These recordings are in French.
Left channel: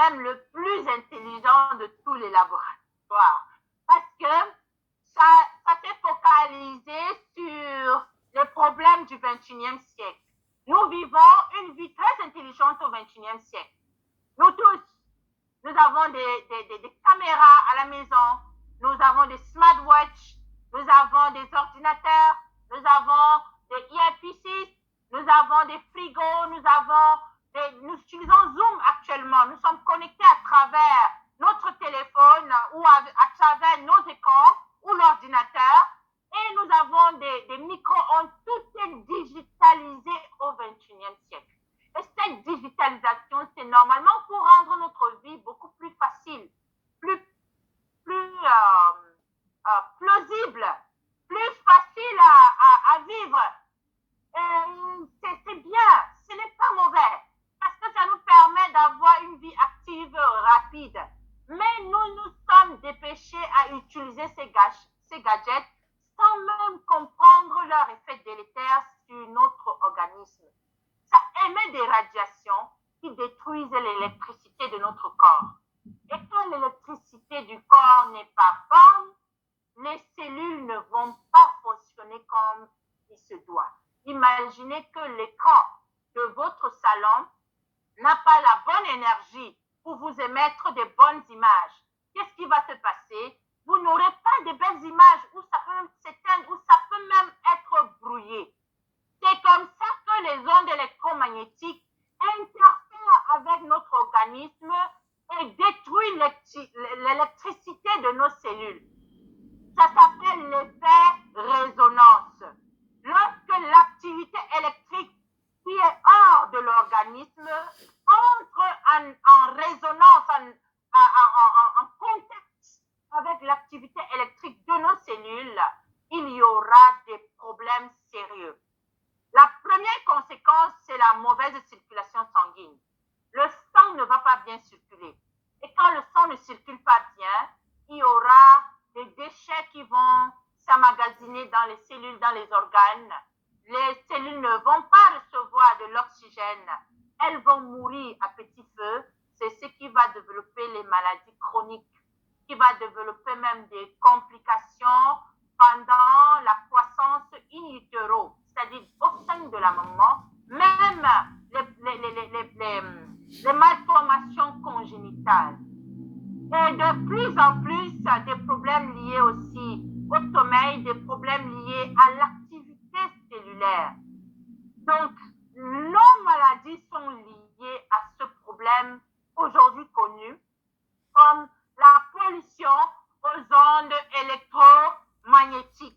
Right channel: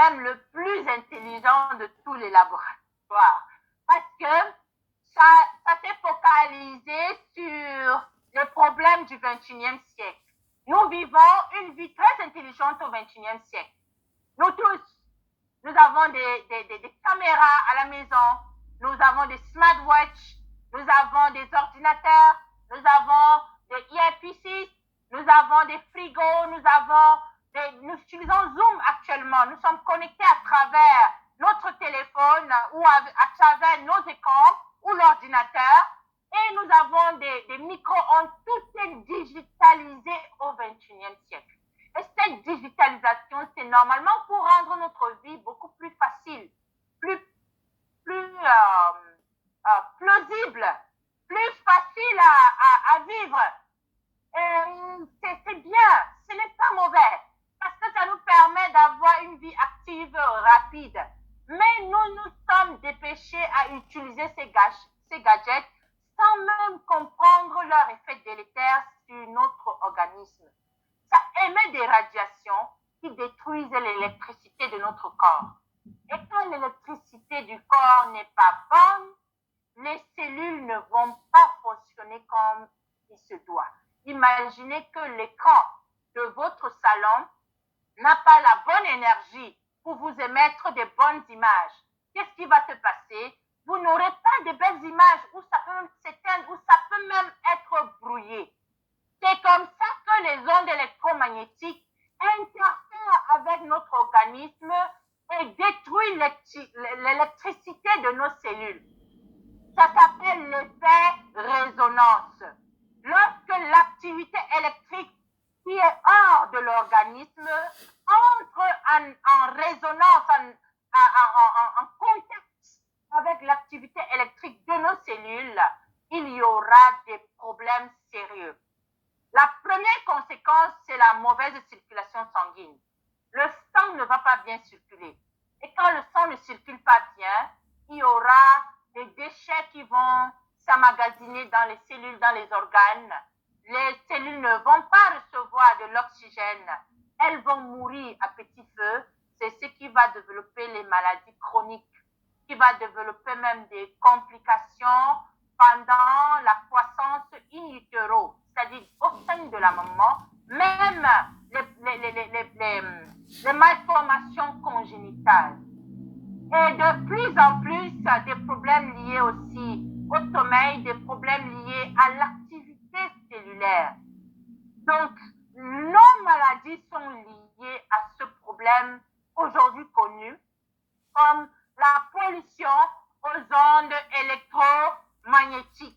même le plus intelligent de tous les laboratoires. Parce que ça s'est focalisé sur les problèmes du 21e siècle. Nous vivons une vie très intelligente au 21e siècle. Nous tous, nous avons des caméras à la maison, nous avons des smartwatches, nous avons des ordinateurs, nous avons des earpieces, nous avons des frigos, nous utilisons Zoom actuellement. Nous sommes connectés à travers notre téléphone ou à travers nos écrans ou l'ordinateur. Et nous avons des micro-ondes. Tout est digitalisé au 21e siècle. Et cette digitalisation, c'est normalement pour rendre notre vie beaucoup plus facile, plus plausible, plus facile à vivre. C'est bien, ce n'est pas mauvais, parce que ça nous permet d'avoir une vie active rapide. Mais nous sommes dépêchés à utiliser ces gadgets sans même comprendre leur effet délétère sur notre organisme. Ça émet des radiations qui détruisent l'électricité de notre corps. Et quand l'électricité du corps n'est pas bonne, les cellules ne vont pas fonctionner comme il se doit. Imaginez que l'écran de votre salon n'a pas la bonne énergie pour vous émettre de bonnes images. Qu'est-ce qui va se passer? Vous n'aurez pas de belles images, ou ça peut même s'éteindre, ou ça peut même être brouillé. C'est comme ça que les ondes électromagnétiques interfèrent avec notre organisme et détruisent l'électricité de nos cellules. Ça s'appelle l'effet résonance. Lorsque l'activité électrique qui est hors de l'organisme entre en résonance, en contact avec l'activité électrique de nos cellules, il y aura des problèmes sérieux. La première conséquence, c'est la mauvaise circulation sanguine. Le sang ne va pas bien circuler. Et quand le sang ne circule pas bien, il y aura des déchets qui vont s'emmagasiner dans les cellules, dans les organes. Les cellules ne vont pas recevoir de l'oxygène. Elles vont mourir à petit feu. C'est ce qui va développer les maladies chroniques, qui va développer même des complications pendant la croissance in utero, c'est-à-dire au sein de la maman, même les malformations congénitales. Et de plus en plus, des problèmes liés aussi au sommeil, des problèmes liés à l'activité cellulaire. Donc, nos maladies sont liées à ce problème aujourd'hui connu comme la pollution aux ondes électromagnétiques.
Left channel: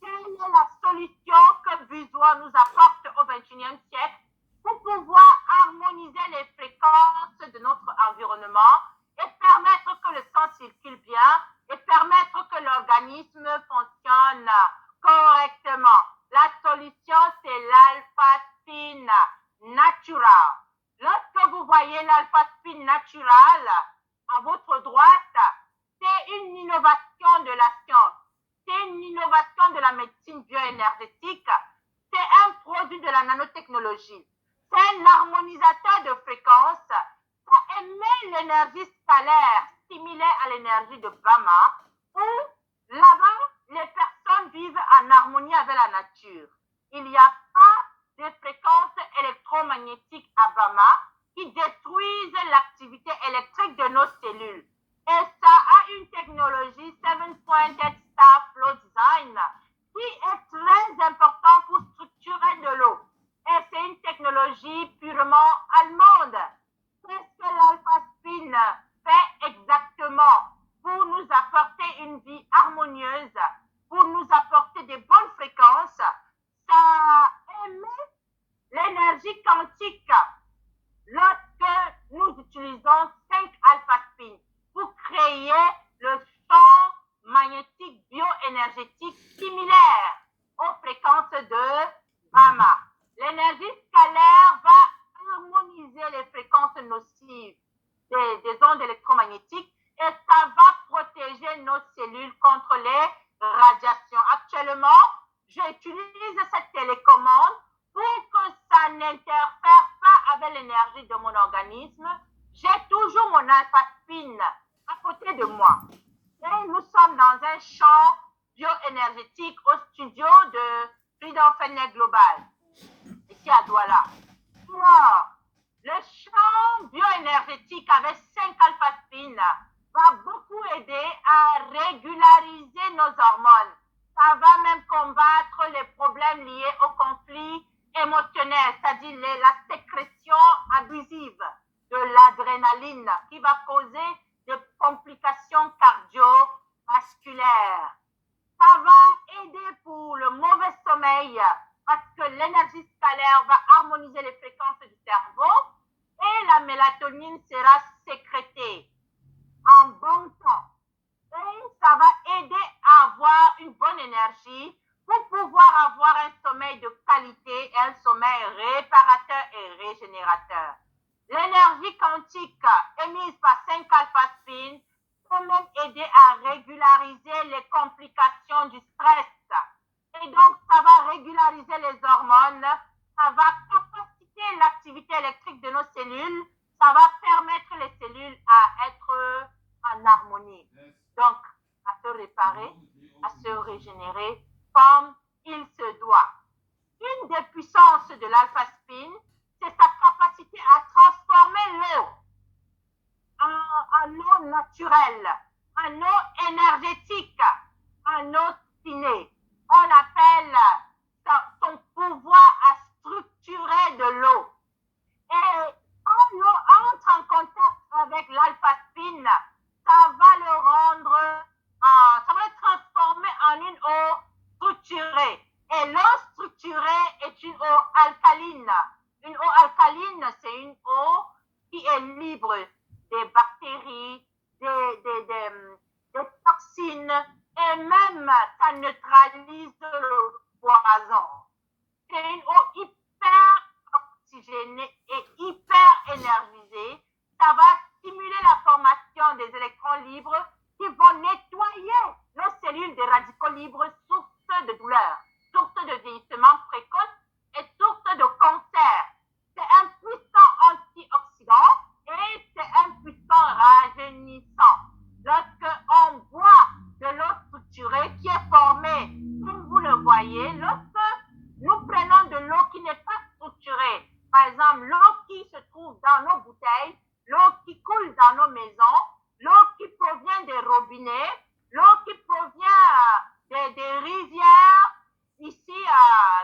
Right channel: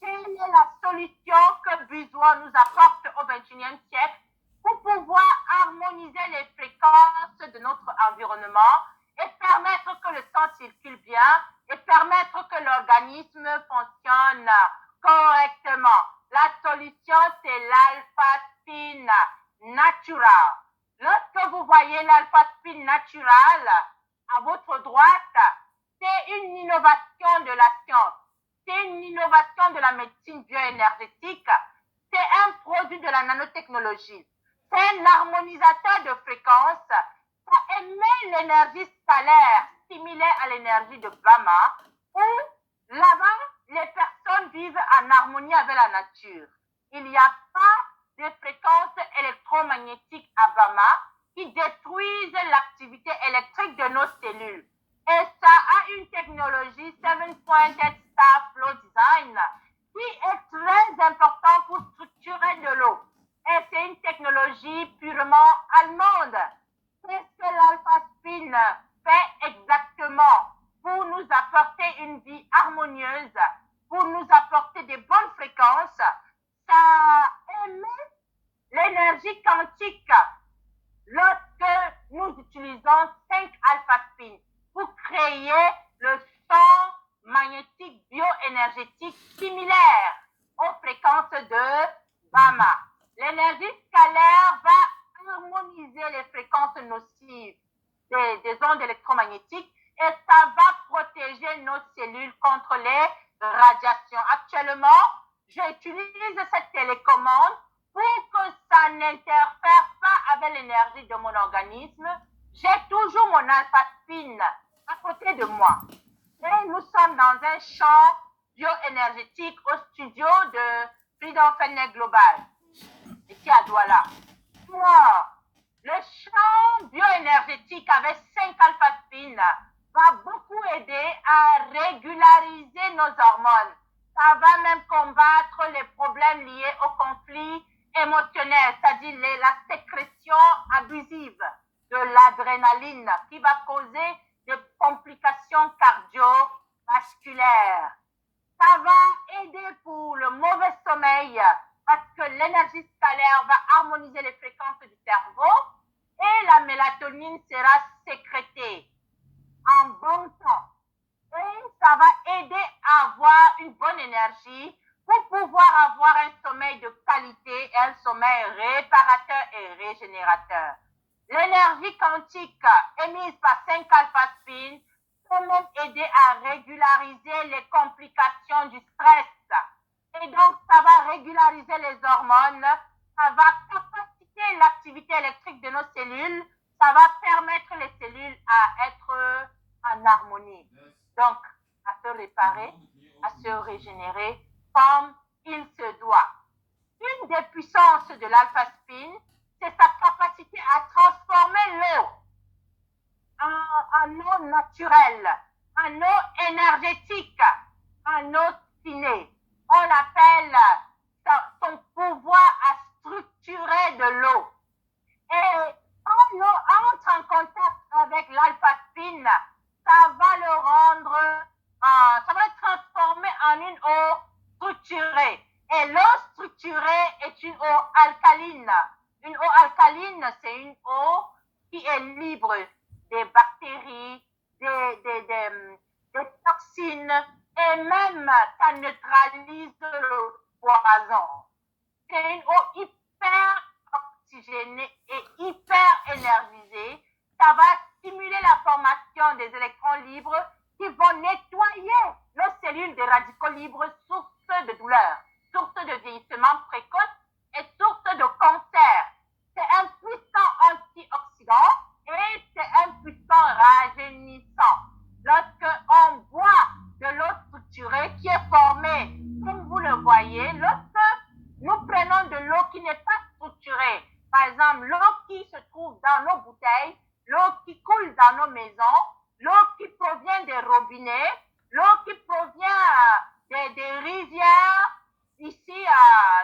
Quelle est la solution que Buzz-World nous apporte au XXIe siècle pour pouvoir harmoniser les fréquences de notre environnement et permettre que le sang circule bien et permettre que l'organisme fonctionne correctement? La solution, c'est l'alpha-spin natural. Lorsque vous voyez l'alpha-spin natural à votre droite, c'est une innovation de la science. C'est une innovation de la médecine bioénergétique. C'est un produit de la nanotechnologie. C'est un harmonisateur de fréquences. Ça émet l'énergie scalaire similaire à l'énergie de Bama, où là-bas, les personnes vivent en harmonie avec la nature. Il n'y a pas de fréquences électromagnétiques à Bama qui détruisent l'activité électrique de nos cellules. Et ça a une technologie 7-pointed star flow design qui est très important pour structurer de l'eau. Et c'est une technologie purement allemande. Qu'est-ce que l'alpha-spin fait exactement pour nous apporter une vie harmonieuse, pour nous apporter des bonnes fréquences? Ça émet l'énergie quantique lorsque nous utilisons 5 alpha-spin pour créer le champ magnétique bioénergétique similaire aux fréquences de Bama. L'énergie scalaire va harmoniser les fréquences nocives des ondes électromagnétiques et ça va protéger nos cellules contre les radiations. Actuellement, j'utilise cette télécommande pour que ça n'interfère pas avec l'énergie de mon organisme J'ai toujours mon alpha-spin à côté de moi. Et nous sommes dans un champ bioénergétique au studio de Freedom Fitness Global, ici à Douala. Moi, le champ bioénergétique avec 5 alpha-spin va beaucoup aider à régulariser nos hormones. Ça va même combattre les problèmes liés au conflit émotionnel, c'est-à-dire la sécrétion abusive de l'adrénaline qui va causer des complications cardiovasculaires. Ça va aider pour le mauvais sommeil parce que l'énergie scalaire va harmoniser les fréquences du cerveau et la mélatonine sera sécrétée en bon temps. Et ça va aider à avoir une bonne énergie pour pouvoir avoir un sommeil de qualité et un sommeil réparateur et régénérateur. L'énergie quantique émise par 5 alpha spin peut même aider à régulariser les complications du stress. Et donc, ça va régulariser les hormones, ça va capaciter l'activité électrique de nos cellules, ça va permettre les cellules à être en harmonie. Donc, à se réparer, à se régénérer comme il se doit. Une des puissances de l'alpha spin, c'est sa capacité à transformer l'eau en eau naturelle, en eau énergétique, en eau ciné. On l'appelle son pouvoir à structurer de l'eau. Et quand l'eau entre en contact avec l'alpha spin, ça va le rendre, ça va le transformer en une eau structurée. Et l'eau structurée est une eau alcaline. Une eau alcaline, c'est une eau qui est libre des bactéries, des toxines, et même ça neutralise le poison. C'est une eau hyper oxygénée et hyper énergisée. Ça va stimuler la formation des électrons libres qui vont nettoyer nos cellules de radicaux libres, source de douleur, source de vieillissement précoce et source de cancer. C'est un puissant antioxydant et c'est un puissant rajeunissant. Lorsque on boit de l'eau structurée qui est formée, comme vous le voyez, lorsque nous prenons de l'eau qui n'est pas structurée, par exemple l'eau qui se trouve dans nos bouteilles, l'eau qui coule dans nos maisons, l'eau qui provient des robinets, l'eau qui provient des rivières, ici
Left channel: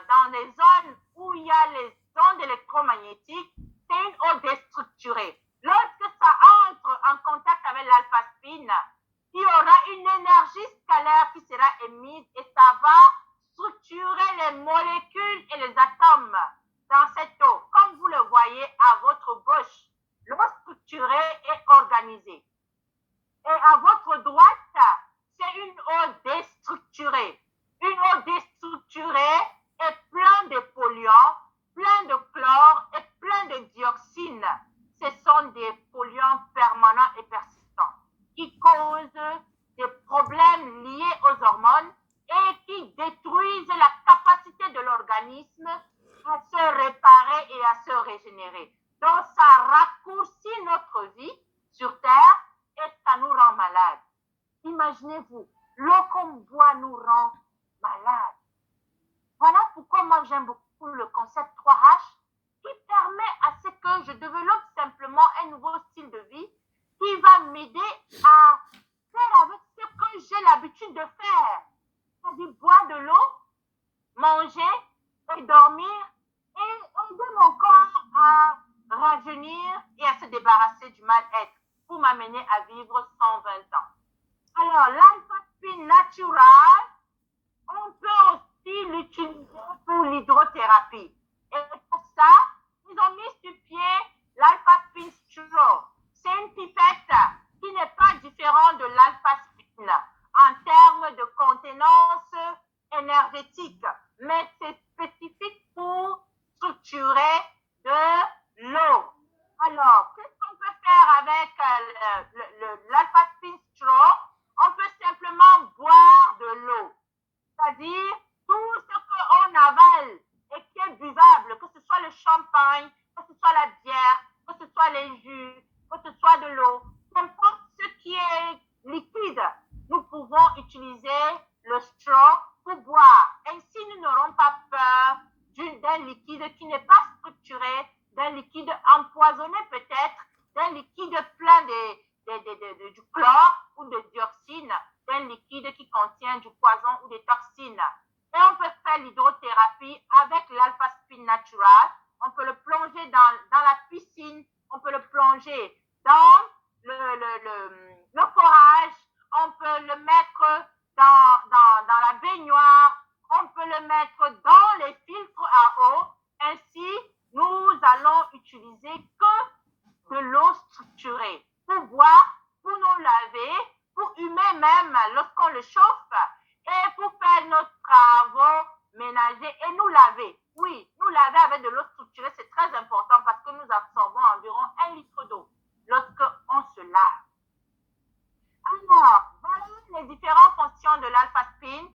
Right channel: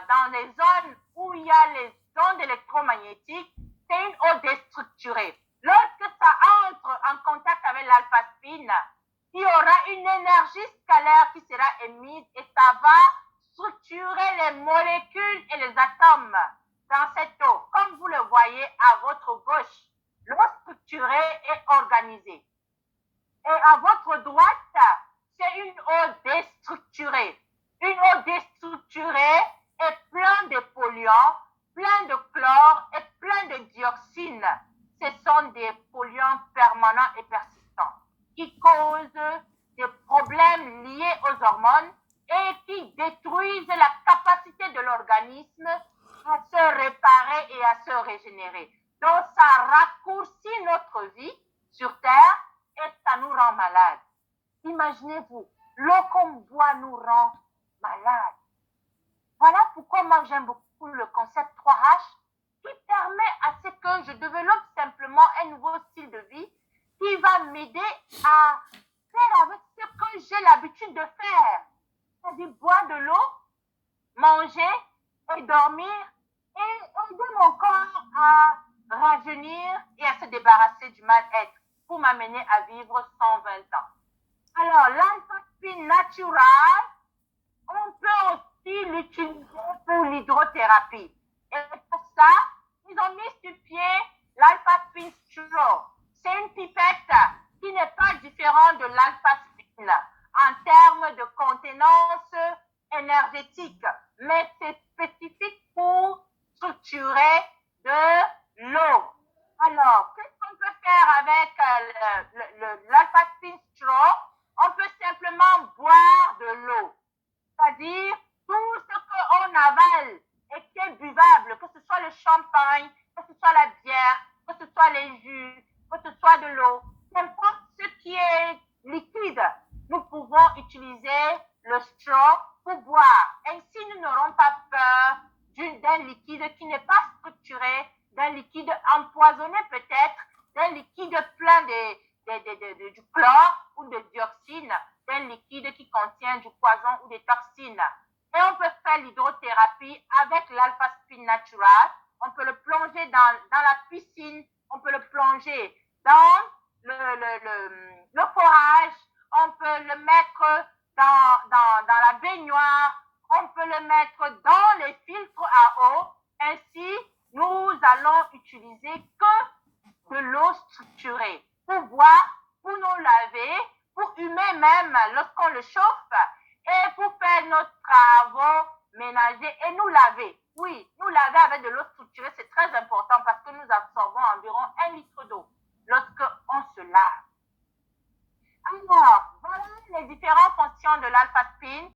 dans les zones où il y a les ondes électromagnétiques, c'est une eau déstructurée. Lorsque ça entre en contact avec l'alpha spin, il y aura une énergie scalaire qui sera émise et ça va structurer les molécules et les atomes dans cette eau. Comme vous le voyez à votre gauche, l'eau structurée est organisée. Et à votre droite, c'est une eau déstructurée. Une eau déstructurée est pleine de polluants, plein de chlore et plein de dioxines. Ce sont des polluants permanents et persistants qui causent des problèmes liés aux hormones et qui détruisent la capacité de l'organisme à se réparer et à se régénérer. Donc, ça raccourcit notre vie sur Terre et ça nous rend malades. Imaginez-vous, l'eau qu'on boit nous rend malades. Voilà pourquoi moi j'aime beaucoup le concept 3H qui permet à ce que je développe simplement un nouveau style de vie qui va m'aider à faire avec ce que j'ai l'habitude de faire. C'est-à-dire boire de l'eau, manger et dormir et aider mon corps à rajeunir et à se débarrasser du mal-être pour m'amener à vivre 120 ans. Alors, l'alpha spin natural, on peut aussi l'utiliser pour l'hydrothérapie. Et pour ça, ils ont mis sur pied l'alpha spin straw. C'est une pipette qui n'est pas différente de l'alpha spin en termes de contenance énergétique, mais c'est spécifique pour structurer de l'eau. Alors, qu'est-ce qu'on peut faire avec l'alpha spin straw? On peut simplement boire de l'eau. C'est-à-dire, tout ce qu'on avale et qui est buvable, que ce soit le champagne, que ce soit la bière, que ce soit les jus, que soit de l'eau, n'importe ce qui est liquide, nous pouvons utiliser le straw pour boire. Ainsi, nous n'aurons pas peur d'un liquide qui n'est pas structuré, d'un liquide empoisonné peut-être, d'un liquide plein du chlore ou de dioxine, d'un liquide qui contient du poison ou des toxines. Et on peut faire l'hydrothérapie avec l'alpha-spin natural. On peut le plonger dans la piscine, on peut le plonger dans le forage, on peut le mettre dans la baignoire, on peut le mettre dans les filtres à eau. Ainsi, nous allons utiliser que de l'eau structurée pour boire, pour nous laver, pour humer même lorsqu'on le chauffe et pour faire nos travaux ménagers et nous laver. Oui, nous laver avec de l'eau structurée, c'est très important parce que nous absorbons environ 1 litre d'eau lorsqu'on se lave. Alors, voilà les différentes fonctions de l'alpha-spin.